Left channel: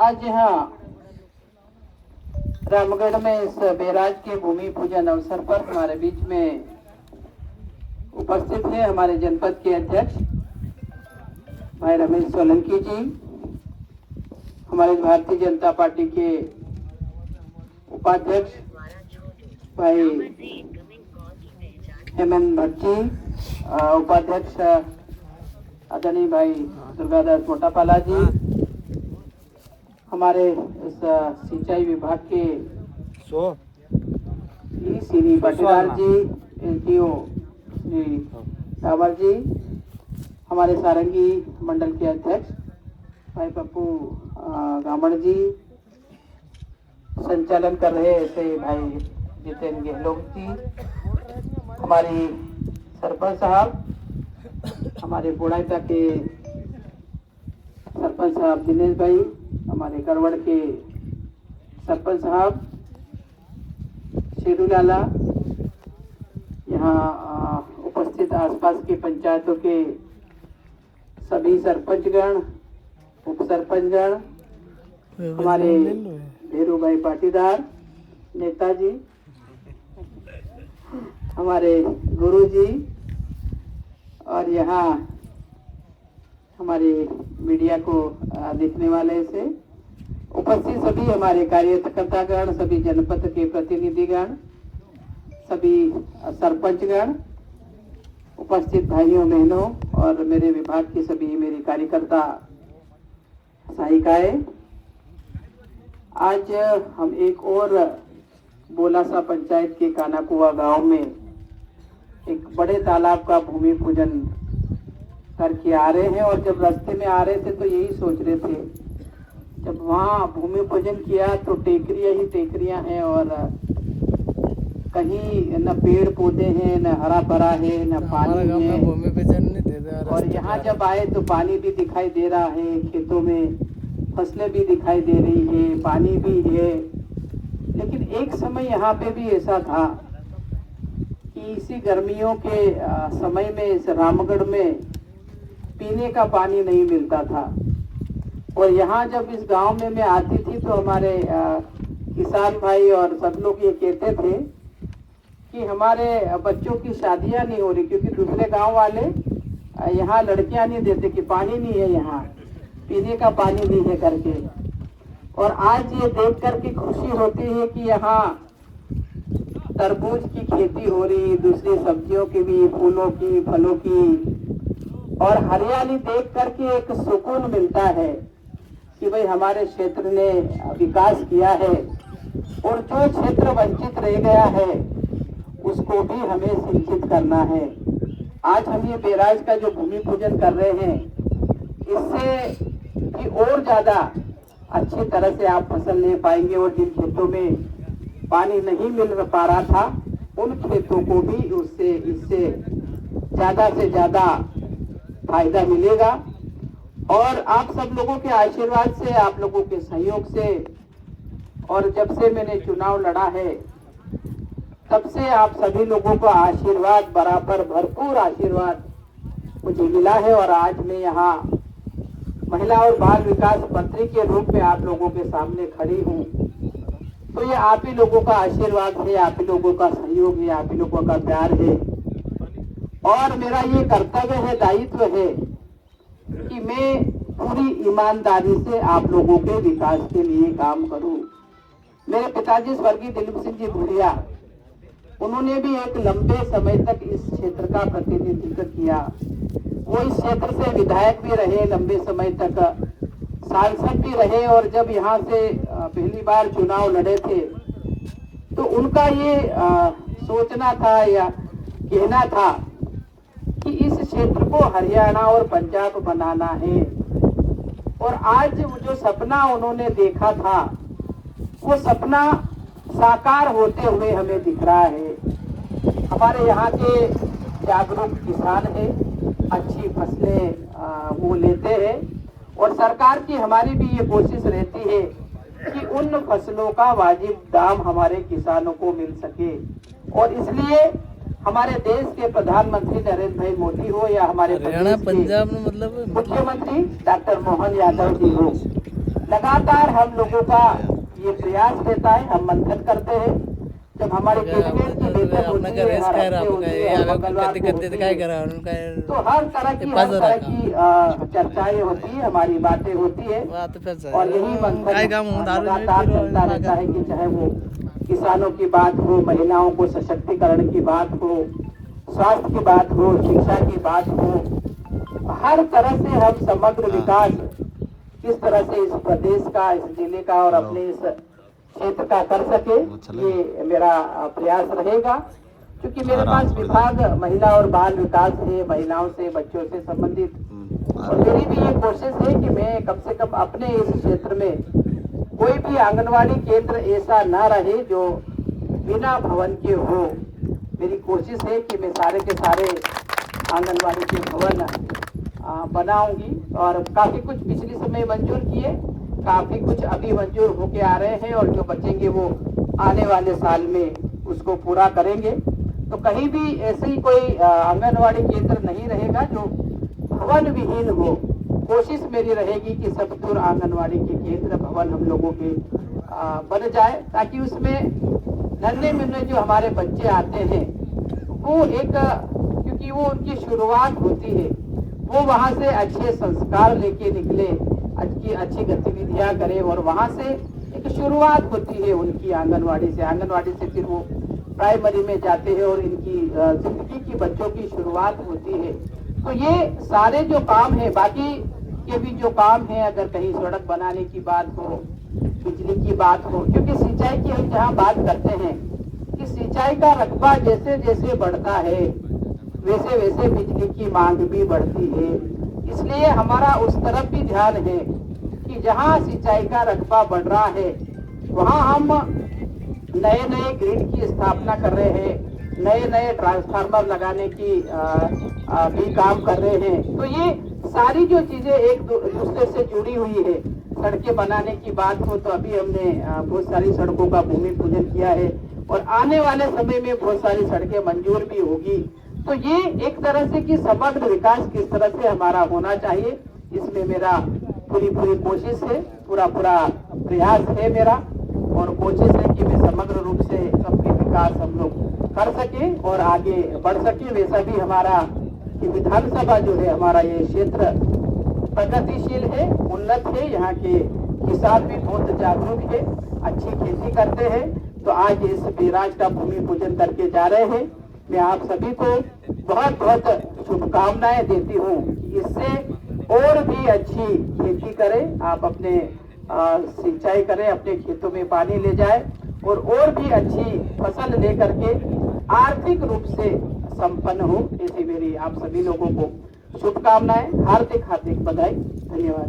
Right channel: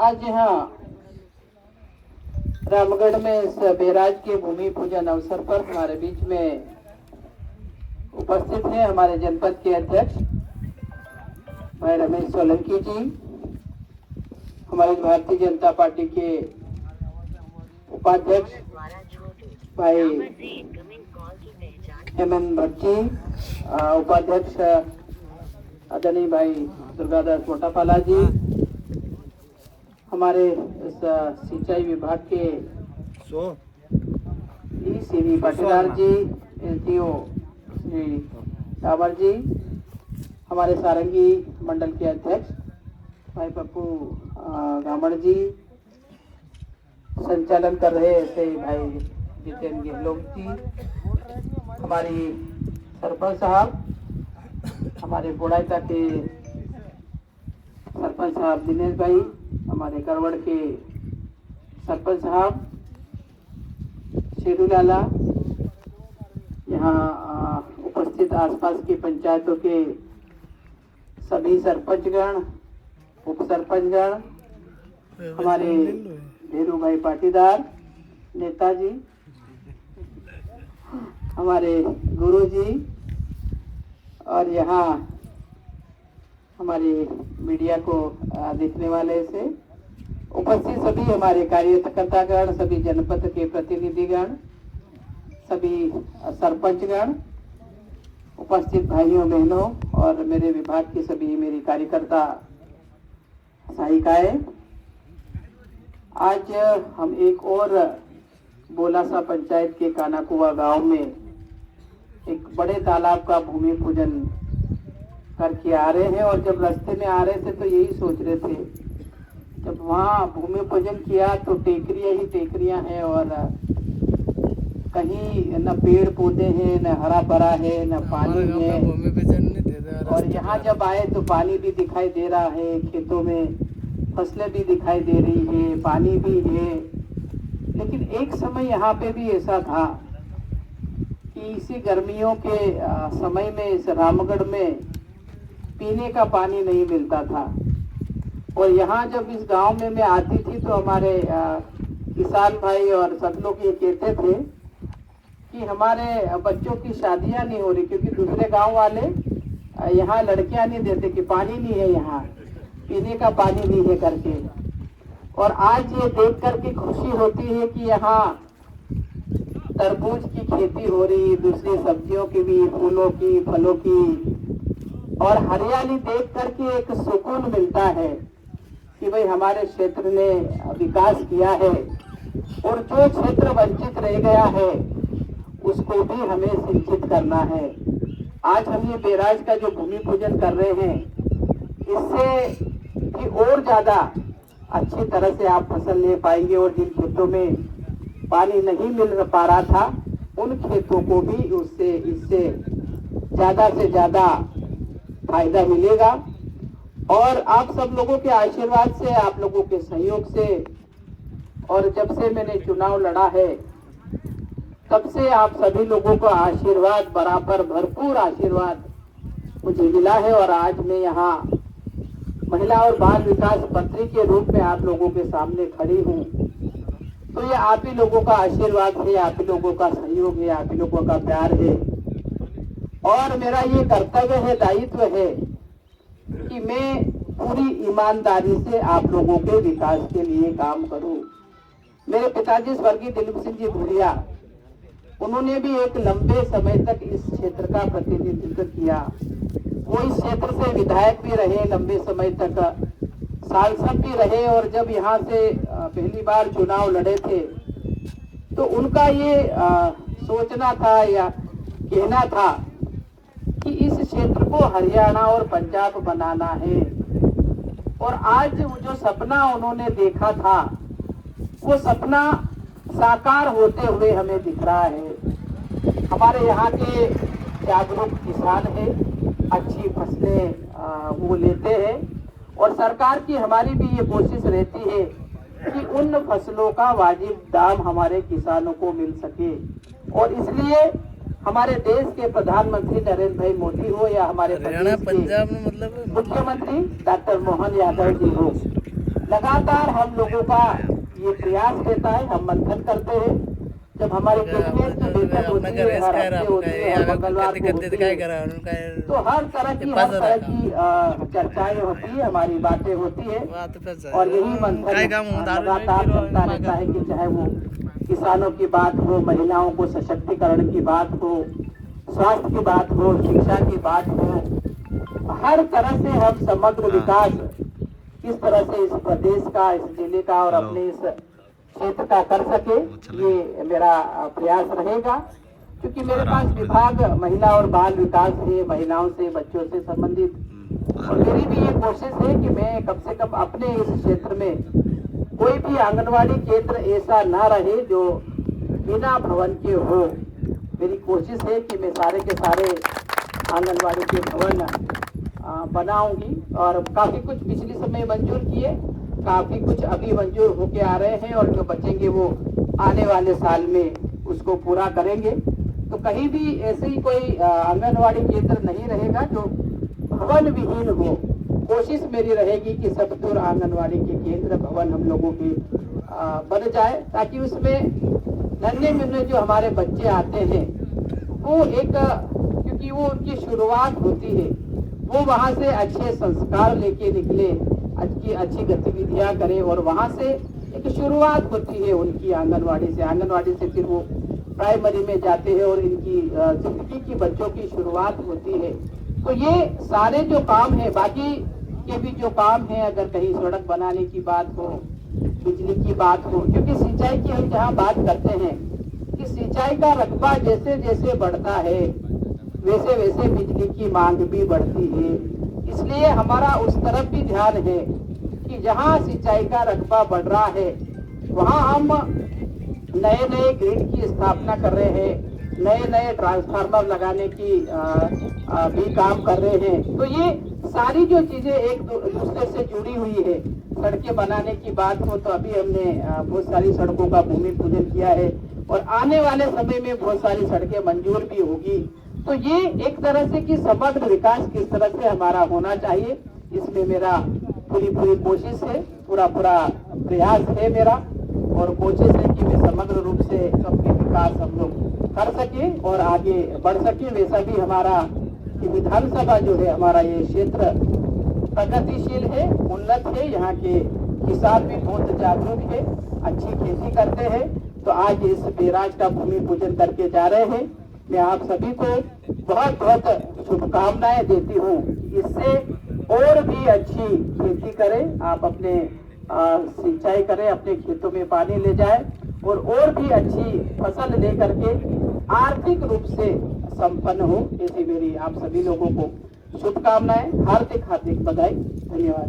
आज यहाँ रामगढ़ में इस बैराज के भूमि पूजन अवसर पर हमारे बीच में उपस्थित हैं हमारे जनपद के अध्यक्ष भाई रमेश सोलंकी जी, हमारे भारतीय जनता पार्टी के उपाध्यक्ष भाई हेमंत भट्ट जी, उपाध्यक्ष आदरणीय भाई दुर्गादास मोटापाला जी, हमारे इस सिंचाई विभाग के सीवी पाटीदार जी, एसडीओ श्री डावर जी, हमारे सारंगी मंडल के अध्यक्ष भाई पप्पू गामड़ जी, संचालन कर रहे ऐसे भाई जितेंद्र गहलोत जी, हमारी सरपंच साहब, हमारे बुढ़ाता के सरपंच साहब दिनेश भाई, हमारे करवड़ के सरपंच साहब शेरू लाला, यहाँ उपस्थित आसपास की पंचायतों के सभी सरपंचगण, उप सरपंचगण, हमारे भेरू भाई पाटीदार नेताजी, हमारे गुरु जी, और यहाँ हमारे मीडिया को देखने वाले से उपस्थित सभी हमारे कार्यकर्तागण, सभी जनपद के प्रतिनिधिगण, सभी सरपंचगण, उपस्थित भाइयों बहनों और मेरे विभाग की सभी मेरी कार्यकर्ता सहायिकाएं, आज हम एक और बोलासा पंचायत के कानाकुआ गांव में एक बड़े तालाब का भूमि पूजन करके आ रहे हैं। और जब रास्ते में आ रहे थे तो यही सोच रहे थे, जब वहाँ भूमि पूजन किया तो टेकरियाँ ही टेकरियाँ हैं और कहीं न पेड़ पौधे हैं, न हरा भरा है, न पानी है। और यहाँ जब आए तो पानी भी दिखाई दे रहा है, खेतों में फसलें भी दिखाई दे रही है, पानी भी है। लेकिन एक समय यहाँ पे भी ऐसा था कि इसी गर्मियों के समय में इस रामगढ़ में पीने का पानी नहीं मिलता था। और यहाँ जब इस गांव में मैं आती थी तो हमारे किसान भाई और सब लोग ये कहते थे कि हमारे बच्चों की शादियां नहीं हो रही, क्योंकि दूसरे गांव वाले यहाँ लड़कियां नहीं देते कि पानी नहीं है, यहाँ पीने का पानी नहीं है करके। और आज ये देख कर के खुशी होती है कि यहाँ तरबूज की खेती हो रही, दूसरी सब्जियों की भी, फूलों की, फलों की, और हरियाली देख करके एक सुकून मिलता है कि भाई हमारे क्षेत्र ने विकास किया है। और जो क्षेत्र वंचित रह गया है उसको भी हमें सिंचित करना है। आज हम ये बैराज का जो भूमि पूजन कर रहे हैं, इससे भी और ज्यादा अच्छी तरह से आप फसल ले पाएंगे। और जिन खेतों में पानी नहीं मिल पा रहा था, उन खेतों को भी इससे ज्यादा से ज्यादा फायदा मिलेगा। और आप सब लोगों के आशीर्वाद से, आप लोगों के सहयोग से, और जब से मैंने चुनाव लड़ा है तब से आप सभी लोगों का आशीर्वाद, बराबर भरपूर आशीर्वाद मुझे मिला है। और आज मैं यहाँ महिला और बाल विकास मंत्री के रूप में आप लोगों के सामने खड़ी हूँ। तो ये आप ही लोगों का आशीर्वाद है, आप ही लोगों का सहयोग है, आप ही लोगों का प्यार है। और मेरा ये कर्तव्य है, दायित्व है कि मैं पूरी ईमानदारी से आप लोगों के विकास के लिए काम करूं। मेरे पिताजी स्वर्गीय दिलीप सिंह जी भूरिया, उन्होंने भी एक लंबे समय तक इस क्षेत्र का प्रतिनिधित्व किया। वो इस क्षेत्र से विधायक भी रहे, लंबे समय तक सांसद भी रहे। और जब यहाँ से पहली बार चुनाव लड़े थे तो उनका ये सोचना था या कहना था कि इस क्षेत्र को हरियाणा और पंजाब बनाना है। और आज जो सपना उन्होंने देखा था, वो सपना साकार होते हुए हमें दिख रहा है। हमारे यहाँ के जागरूक किसान है, अच्छी फसलें वो लेते हैं। और सरकार की हमारी भी ये कोशिश रहती है कि उन फसलों का वाजिब दाम हमारे किसानों को मिल सके। और इसलिए हमारे देश के प्रधानमंत्री नरेंद्र भाई मोदी हो या हमारे प्रदेश के मुख्यमंत्री डॉक्टर मोहन यादव जी हो, लगातार हम लोगों का ये प्रयास रहता है, हम मंथन करते हैं। जब हमारे कैबिनेट की बैठक होती है, हर हफ्ते होती है, हर मंगलवार को होती है, तो हर तरह की चर्चाएं होती है, हमारी बातें होती है। और यही मंथन लगातार चलता रहता है कि चाहे वो किसानों की बात हो, महिलाओं को सशक्तिकरण की बात हो, स्वास्थ्य की बात हो, शिक्षा की बात हो, हर तरह से हम समग्र विकास किस तरह से इस प्रदेश का, इस जिले का और अपने इस क्षेत्र का कर सके, ये मेरा प्रयास रहेगा। क्योंकि मेरे पास विभाग महिला और बाल विकास है, महिलाओं से, बच्चों से संबंधित, और मेरी भी ये कोशिश है कि मैं कम से कम अपने इस क्षेत्र में कोई भी आंगनवाड़ी केंद्र ऐसा ना रहे जो बिना भवन के हो। मेरी कोशिश है कि मैं सारे के सारे आंगनवाड़ी के भवन बनाऊंगी, और काफी कुछ पिछले समय मंजूर किए, काफी कुछ अभी मंजूर होके आ रहे हैं, और जो बचेंगे वो आने वाले साल में उसको पूरा करेंगे। तो कहीं भी ऐसे ही कोई आंगनवाड़ी केंद्र नहीं रहेगा जो भवन विहीन हो। कोशिश मेरी रहेगी कि सब दूर आंगनवाड़ी के केंद्र भवन हम लोगों के बन जाए, ताकि उसमें नन्हे मुन्ने जो हमारे बच्चे आते हैं वो एक, क्योंकि वो उनकी शुरुआत होती है, वो वहाँ से अच्छे संस्कार लेके निकले, अच्छी गतिविधियां करें, और वहाँ से एक शुरुआत होती है उनकी आंगनवाड़ी से। आंगनवाड़ी से फिर वो प्राइमरी में जाते हैं और इनकी जिंदगी की बच्चों की शुरुआत होती है। तो ये सारे जो काम है, बाकी के भी जो काम है, अगर कहीं सड़क बनाने की बात हो, बिजली की बात हो, क्योंकि सिंचाई की हम जहाँ बात करते हैं कि सिंचाई का रकबा जैसे जैसे बढ़ता है वैसे वैसे बिजली की मांग भी बढ़ती है। इसलिए हमारा उस तरफ भी ध्यान है कि जहाँ सिंचाई का रकबा बढ़ रहा है वहाँ हम नए नए ग्रिड की स्थापना कर रहे हैं, नए नए ट्रांसफार्मर लगाने की भी काम कर रहे हैं। तो ये सारी जो चीजें एक दूसरे से जुड़ी हुई है, सड़कें बनाने की बात हो तो अभी हमने बहुत सारी सड़कों का भूमि पूजन किया है, और आने वाले समय में बहुत सारी सड़कें मंजूर भी होगी। तो ये एक तरह से कि समग्र विकास किस तरह से हमारा होना चाहिए, इसमें मेरा पूरी कोशिश है, पूरा प्रयास है मेरा, और कोशिश है कि मैं समग्र रूप से सबके विकास हम लोग कर सके और आगे बढ़ सके। वैसा भी हमारा कि विधानसभा जो है, हमारा ये क्षेत्र प्रगतिशील है, उन्नत है, यहाँ के किसान भी बहुत जागरूक है, अच्छी खेती करते हैं। तो आज इस बैराज का भूमि पूजन करके जा रहे हैं। मैं आप सभी को बहुत बहुत शुभकामनाएं देती हूँ। इससे और भी अच्छी खेती करें, आप अपने सिंचाई करें, अपने खेतों में पानी ले जाए, और भी अच्छी फसल लेकर के आर्थिक रूप से संपन्न हो। ऐसी मेरी आप सभी लोगों को शुभकामनाएं, हार्दिक बधाई, धन्यवाद।